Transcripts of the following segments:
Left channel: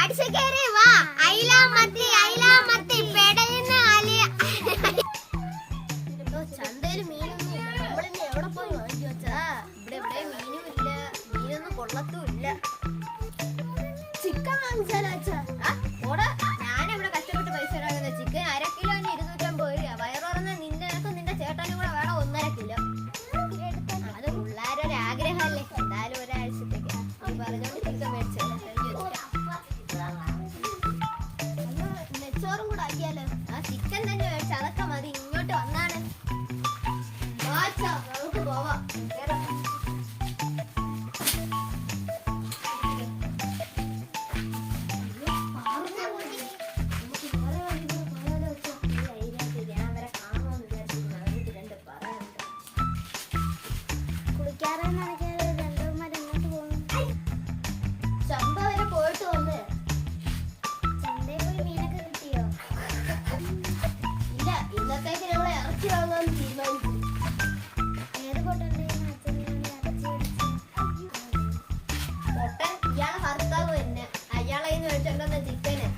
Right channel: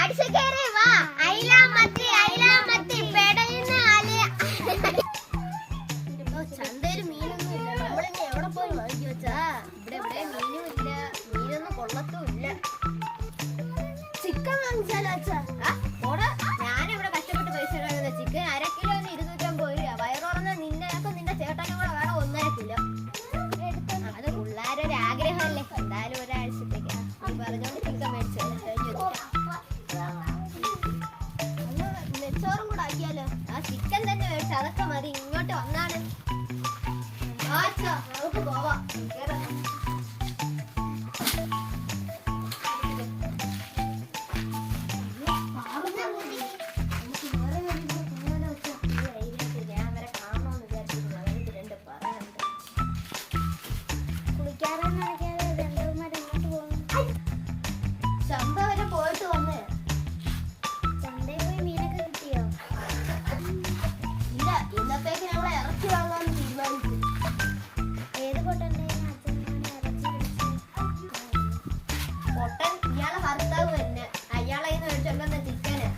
അടിച്ചേരേ വാ അയില മത്തി പെടയുന്ന അലിയ ചന്തയില് മീനൊന്നും ഇല്ല. നമ്മളിന്ന് എവിടെ പോയി വാങ്ങിച്ചു വെച്ചാ ഇവിടെ മീനും ഇല്ല, മീനൊന്നും കൊള്ളത്തും ഇല്ല. ചിക്കൻ വാങ്ങിച്ചാലോ അച്ഛാ? ഞാനിവിടെ കഷ്ടപ്പെട്ട് പൈസ കാണുന്നത് ചിക്കൻ 1/2 കിലോ 250 രൂപ. വയറുറന്ന് നിന്റെ ചേട്ടനും കൂടെ വേണം 1.5 കിലോ. അത് പിള്ളേരൊരു ആഗ്രഹമല്ലേ, എന്തായാലും ഒരാഴ്ചത്തേക്ക് നീ പറഞ്ഞോണ്ട് ചിക്കൻ മേടിച്ചോ. നെച്ചോറും കൂടെ ആക്കിയാലോ? ആ ചിക്കൻ തന്നെ മേടിച്ചു, അതൊക്കെ മതി. ഇങ്ങോട്ട് വന്നാണ് നമുക്ക് പോവാം. ചന്ത വരെ പോയിട്ട് വന്നേ. ചന്തയിൽ പോയി മീനൊക്കെ കിട്ടിയോ? ഇല്ല, ഇന്നത്തേക്ക് ഞങ്ങൾ ഇറച്ചി വാങ്ങാൻ തീരുമാനിച്ചു. ഏത് പൊട്ടൻ ഇയാളെ ഭർത്താവ് തന്നെ. അയാളെ മേടിച്ചോണ്ടെന്ന ചിക്കന്.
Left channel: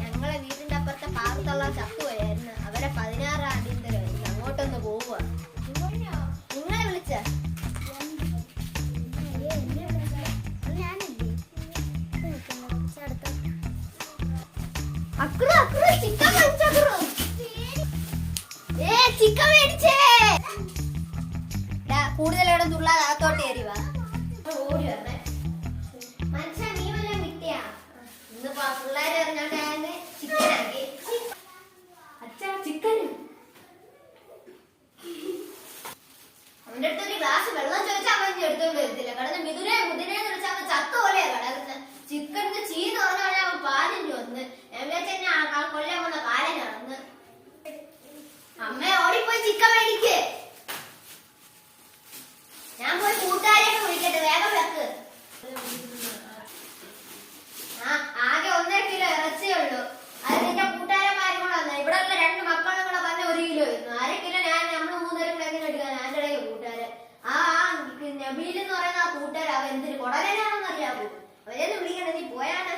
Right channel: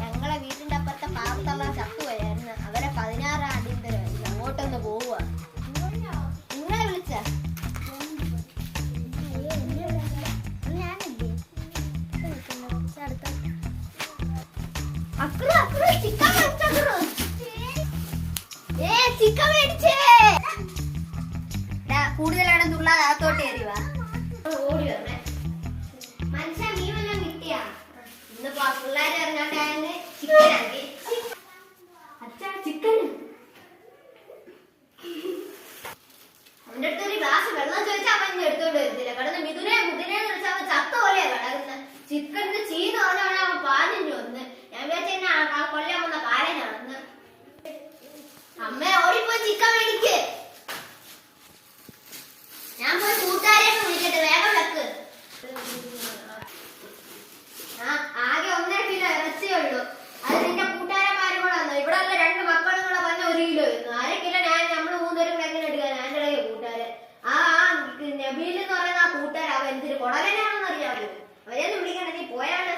ഞങ്ങളെ വീടിന്റെ അപ്പുറത്തെ പാറത്തുള്ള ചത്തുപോയായിരുന്നു. അവരെ 16 അടിയന്തരമായിരുന്നു. അങ്ങോട്ടൊന്ന് പോവുക. നിങ്ങളെ വിളിച്ച ചിക്കൻ മേടിച്ചേ. കൂടുതലാണ് തുള്ളാതെ അകത്തോട്ട് കയറിവാ. മനുഷ്യ നീ വല്ലതും കിട്ടിയാ? ഇന്നിപ്പോ പിള്ളേർ ഇറങ്ങാണ്ടായെന്ന് ചിക്കനാക്കി. അച്ഛാ ചിക്കന് അവന്റെ അടുത്ത് ഒരു ഗ്ലാസ് വെള്ളം ചോദിച്ചാൽ അവൻ എടുത്തോണ്ട് വരത്തില്ല. കിടന്ന് മുതിരേന്ന് വിളിച്ചാൽ അവൻ ചത്ത പോലെയാ കിടക്കുന്നത്. ചിക്കനിന്ന് ചീന്ന് പറഞ്ഞാൽ അവൻ പാഞ്ഞു വന്ന്. ഞാൻ വിചാരിച്ച കൊല്ലാൻ വന്ന കാലം നടന്ന്. അമ്മ ഓടിപ്പോയി ചിക്കൻ മേടിക്ക്. ഞാൻ പോയി കൂട്ടുകാരെയൊക്കെ വിളിക്കട്ടെ, വേഗം വിളക്ക്. ആകെ 1.5 കിലോ ഇറച്ചിയേ ഉള്ളൂ. അത് നിന്റെ കൂട്ടുകാരന്മാരും കൂടെ വന്നു. ഇവിടെ ഉള്ള 2 മക്കളും കൂടെ പറഞ്ഞ 1 കിലോ ആയിരുന്നു. 1/2 കിലോ നമ്മള് 3 പേരും കൂടെ എങ്ങനെ എടുക്കാൻ? എന്റെ ഇടയ്ക്ക് കൂട്ടുകാര് നബീൽ എന്ന് പറയുന്ന ആ കൂട്ടുകാർ അവൻ എന്തിന് കൊടലേനാണെന്ന് അറിയാമോ? അവരെയൊന്നും വിളിക്കണ്ട, നീ പോയാണ്.